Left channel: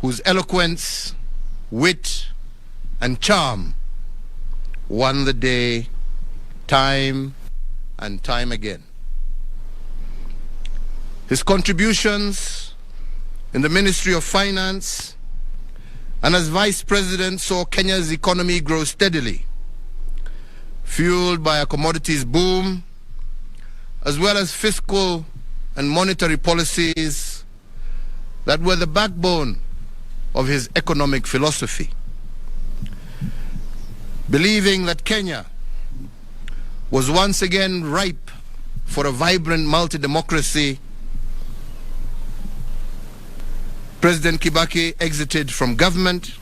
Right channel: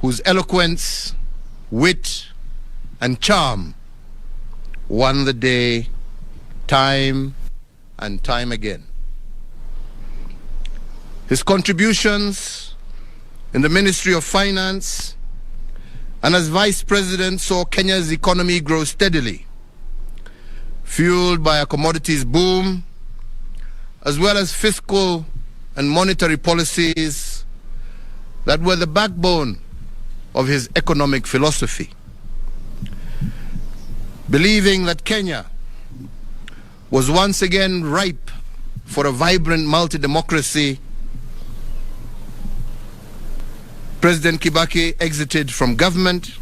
whose eloquence, wit, and charm won the day time and time again. His contributions in the Ministry of Finance and as Vice President saw Kenya's economy grow steadily, fueled by a commodities boom, as well as fiscal and monetary policies that were the backbone of his economic philosophy. Believing that Kenya was once again ripe for a vibrant multi-democracy, President Kibaki exited from government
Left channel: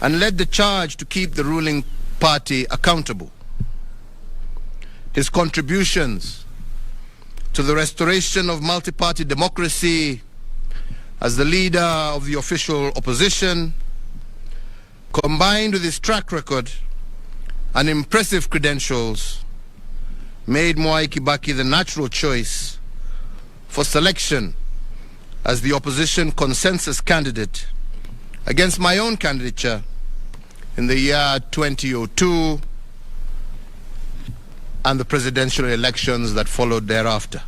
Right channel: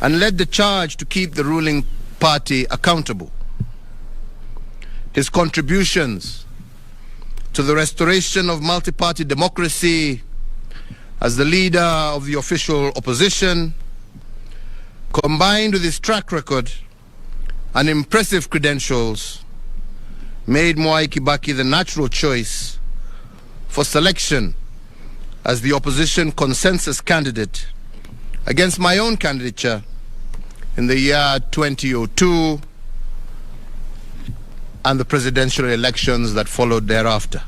and led the charge to keep the ruling party accountable. His contributions to the restoration of multi-party democracy as the leader of the official opposition, combined with his track record and impressive credentials, made Mwai Kibaki the natural choice for selection as the opposition consensus candidate against my own candidature in the year 2002 and the presidential elections that followed thereafter.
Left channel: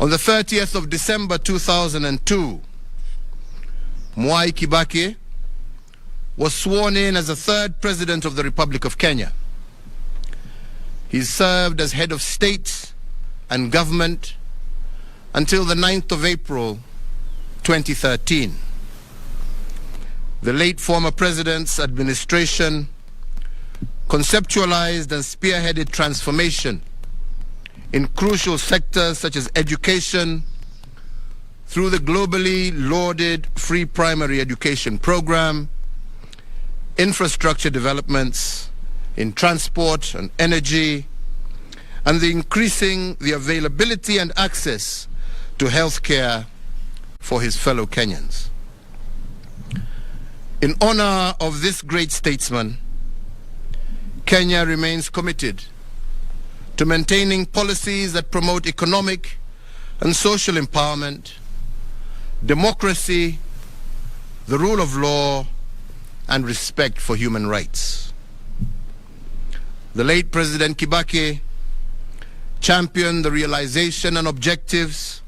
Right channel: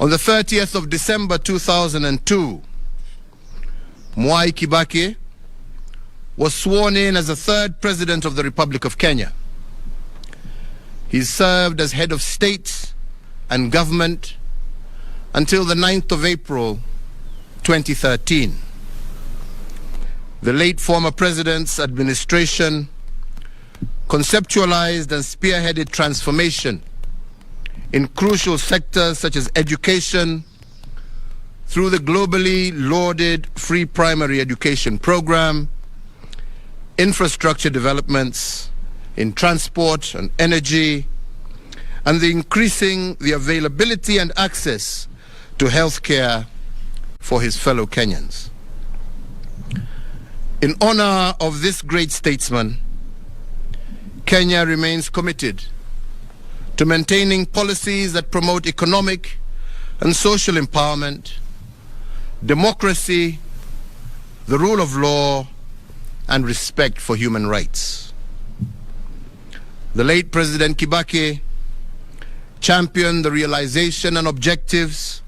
On the 30th of December 2002, Mwai Kibaki was sworn in as the third president of the Republic of Kenya. He served as head of state and government until the 9th of April 2013. The late former president's administration conceptualized and spearheaded transformation in crucial sectors such as education through the globally lauded free primary education program, infrastructure developments in transport and energy, and increasing the availability and access to health care for his fellow Kenyans. In honor of this great statesman, Kenya remains committed to maintaining policies that promote economic and social empowerment, democracy, the rule of law, and respect for human rights. The late President Kibaki championed the realization and objectives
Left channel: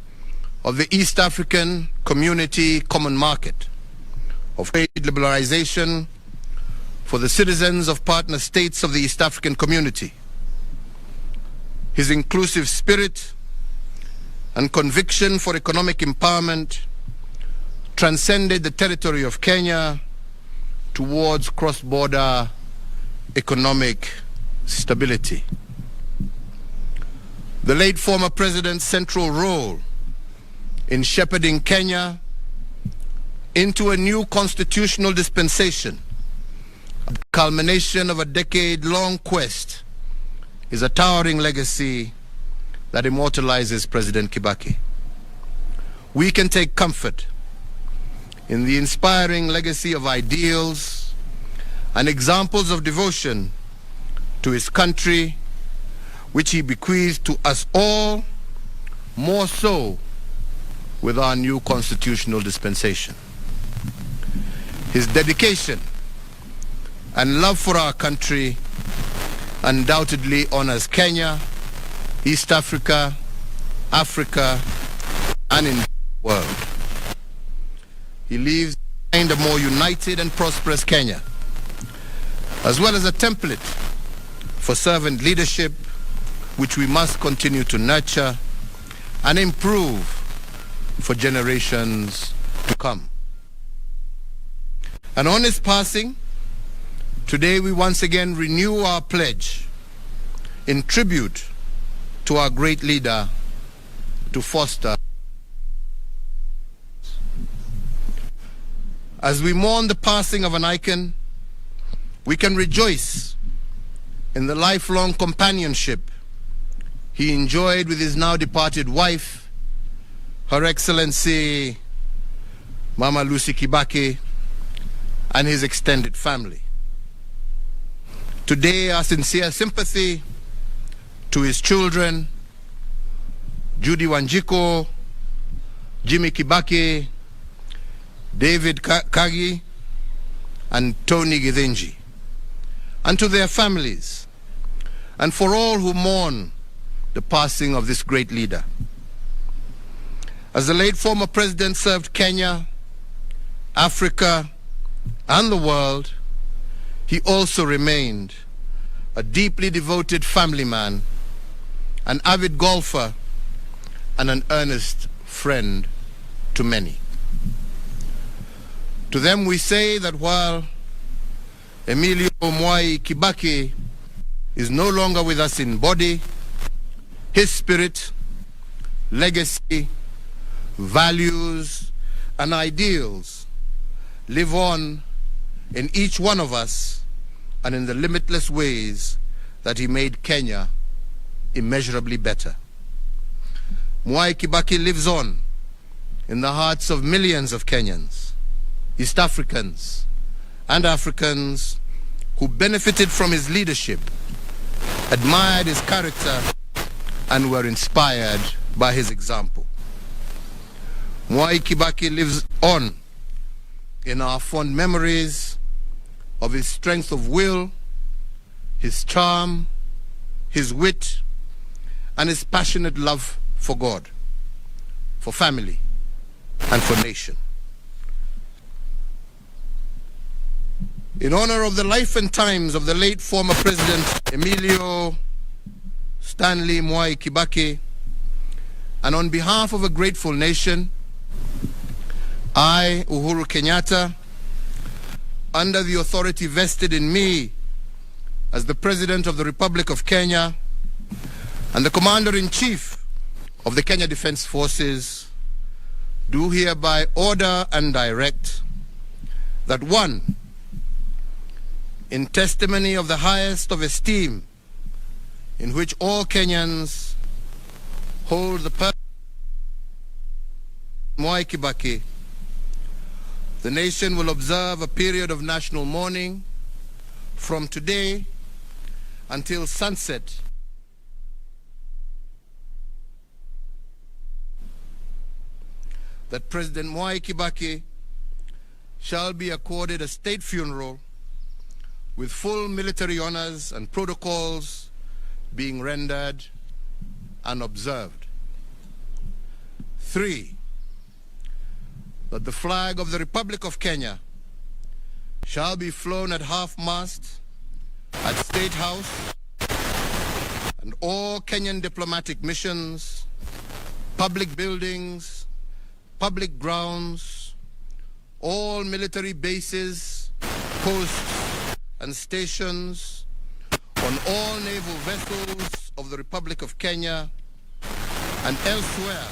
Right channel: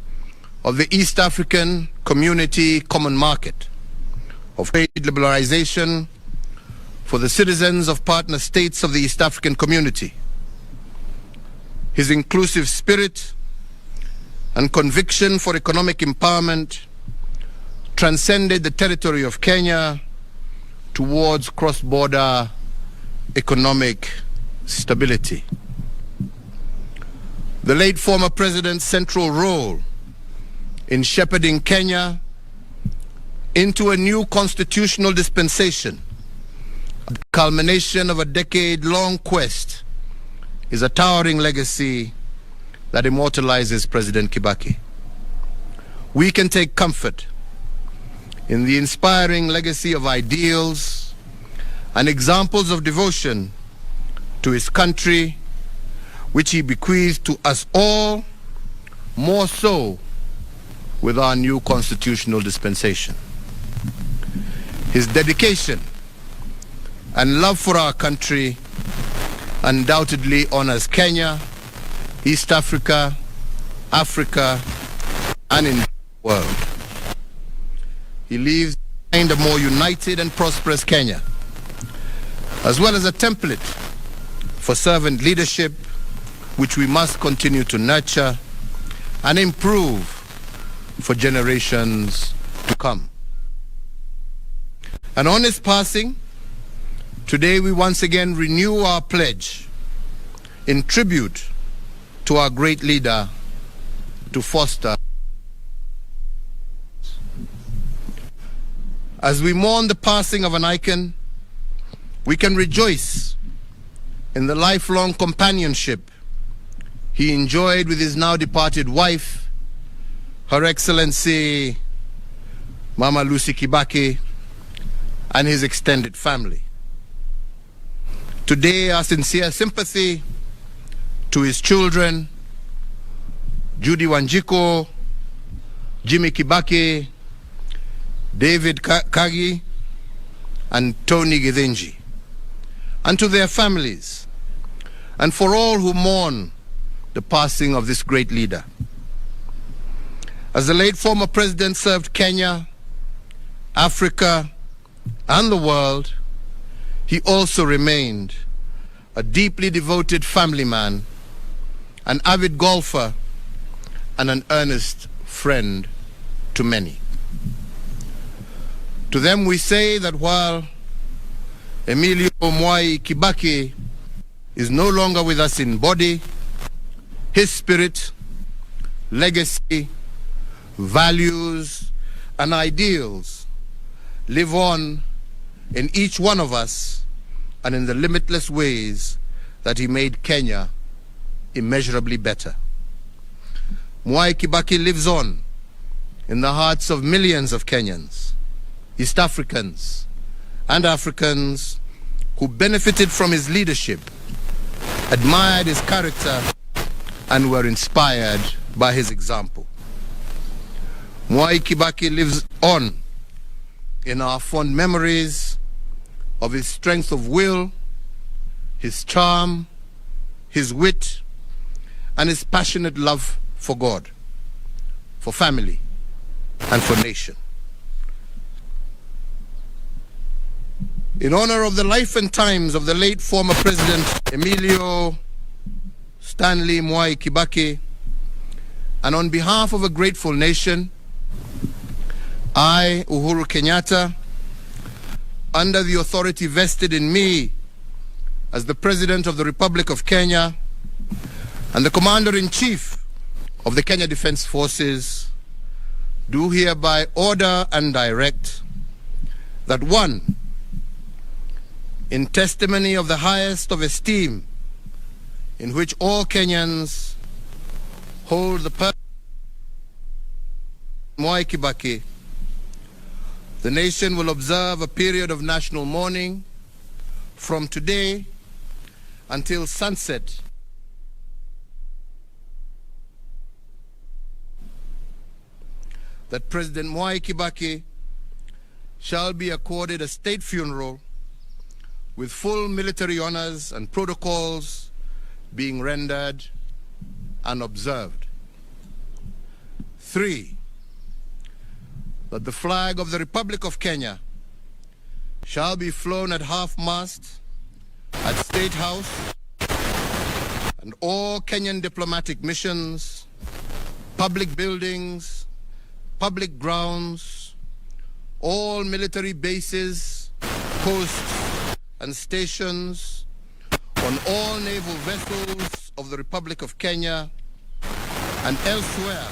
of the East African Community Common Market, of trade liberalization for the citizens of partner states of the East African Community. His inclusive spirit and conviction for economic empowerment transcended the territory of Kenya towards cross-border economic stability. The late former president's central role in shepherding Kenya into a new constitutional dispensation, the culmination of a decade-long quest, is a towering legacy that immortalizes President Kibaki. We can take comfort in the inspiring legacy of ideals and examples of devotion to his country, which he bequeathed to us all, more so with our new constitutional dispensation. His dedication and love for our country undoubtedly honors Kenya, East Africa, Africa, and in the world. He leaves behind a more united and prosperous Kenya, as well as a template for servant leadership, which we must continue to nurture and improve for generations to come. And on his passing, today we once again renew our pledge in tribute to our great leader to foster. As we mourn the passing of an icon, we can rejoice in the lifelong companionship he enjoyed with his now departed wife, Her Excellency Mama Lucy Kibaki, and his extended family. Today, our sincere sympathy to his children, Judy Wanjiko, Jimmy Kibaki, David Kagi, and Tony Githinji, and to their families, and for all who mourn the passing of this great leader. As the late former president served Kenya, Africa, and the world, he also remained a deeply devoted family man, an avid golfer, and an earnest friend to many. To them we say that while Emilio Mwai Kibaki is no longer with us in body, his spirit, legacy, values, and ideals live on in each one of us and in the limitless ways that he made Kenya immeasurably better. Mwai Kibaki lives on in the hearts of millions of Kenyans, East Africans, and Africans who benefited from his leadership, admired his character, and were inspired by his example. Mwai Kibaki lives on in our fond memories of his strength of will, his charm, his wit, and his passionate love for God, for family, and for nation. In honor of the life and times of the late former President Emilio Stanley Mwai Kibaki, and on behalf of a grateful nation, I, Uhuru Kenyatta, under the authority vested in me as the President of the Republic of Kenya and the Commander-in-Chief of the Kenya Defense Forces, do hereby order and direct that one, in testimony of the highest of esteem in which all Kenyans hold the person of Mwai Kibaki, the nation will observe a period of national mourning from today until sunset. That President Mwai Kibaki shall be accorded a state funeral with full military honors and protocols being rendered and observed. 3, that the flag of the Republic of Kenya shall be flown at half-mast at State House and all Kenyan diplomatic missions, public buildings, public grounds, all military bases, posts, and stations, on all naval vessels of the Republic of Kenya and elsewhere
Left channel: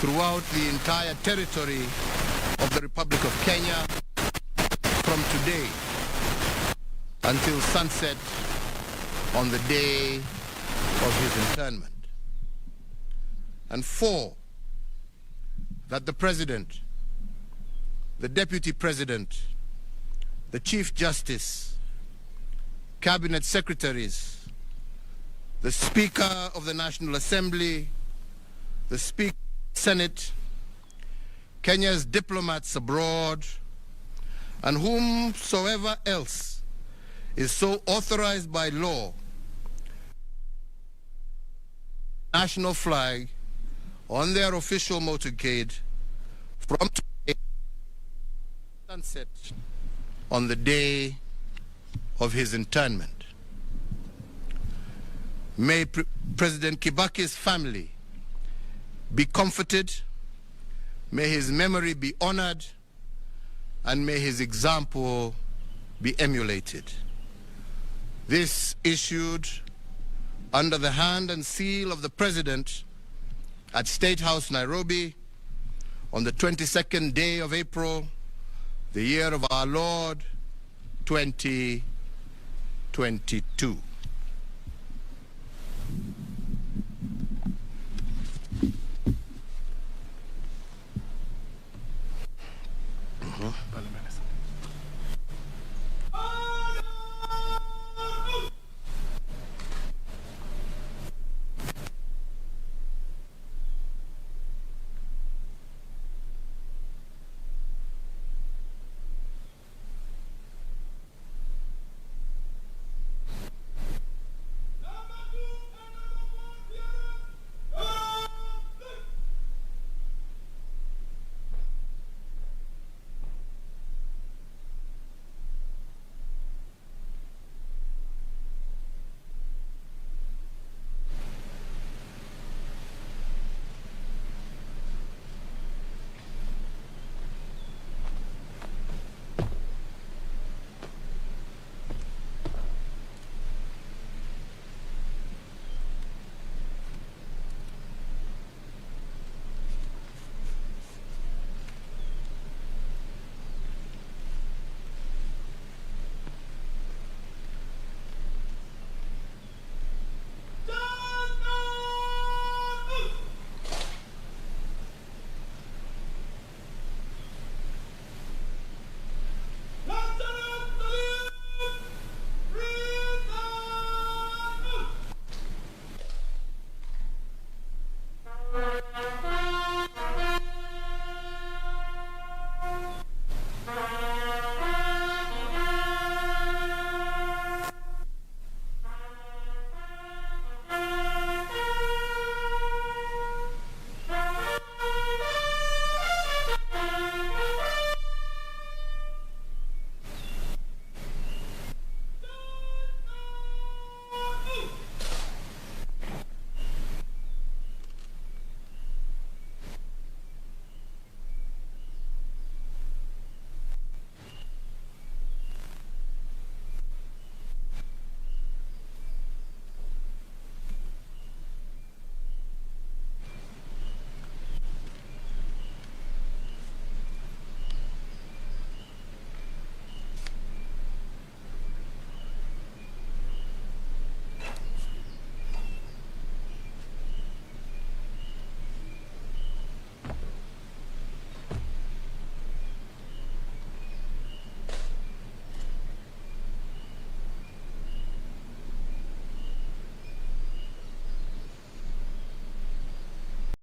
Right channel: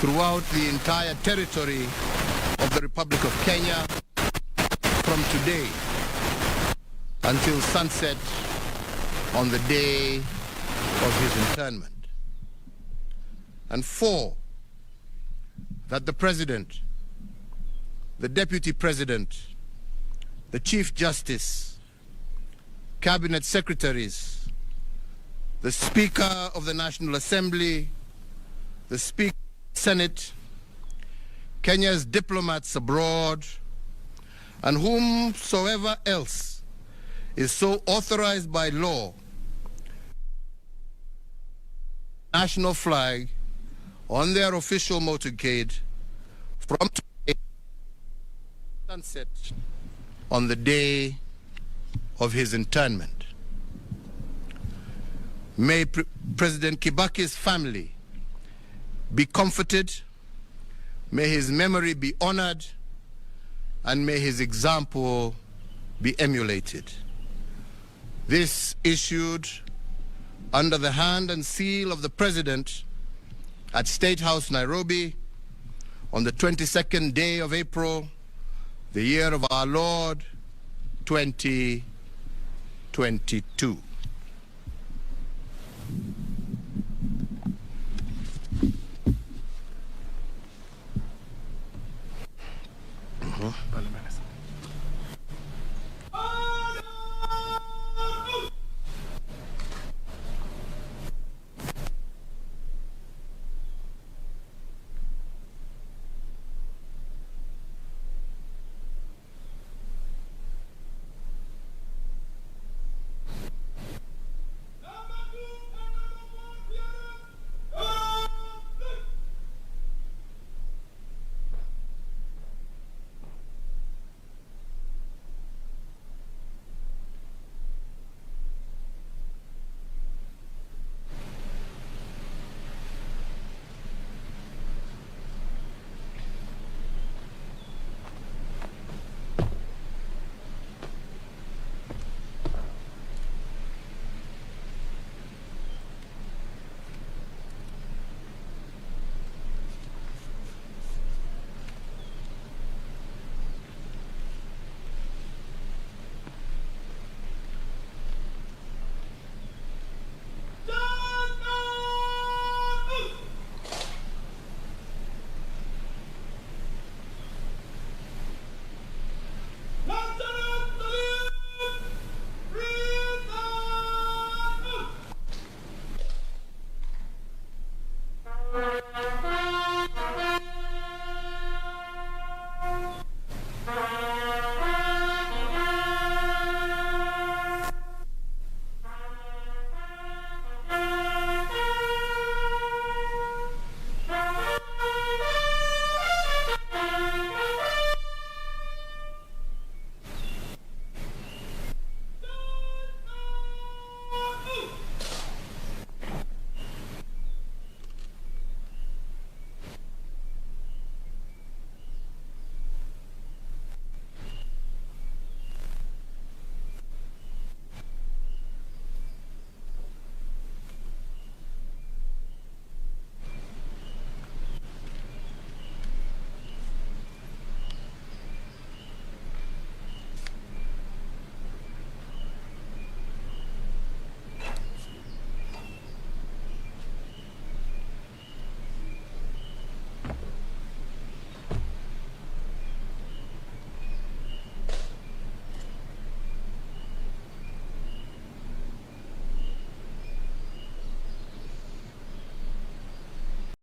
throughout the entire territory of the Republic of Kenya from today until sunset on the day of his internment. And 4, that the President, the Deputy President, the Chief Justice, Cabinet Secretaries, the Speaker of the National Assembly, the Speaker of the Senate, Kenya's diplomats abroad, and whomsoever else is so authorized by law, national flag on their official motorcade from today sunset on the day of his internment. May President Kibaki's family be comforted, may his memory be honored, and may his example be emulated. This issued under the hand and seal of the President at State House, Nairobi, on the 22nd day of April, the year of our Lord, 2022.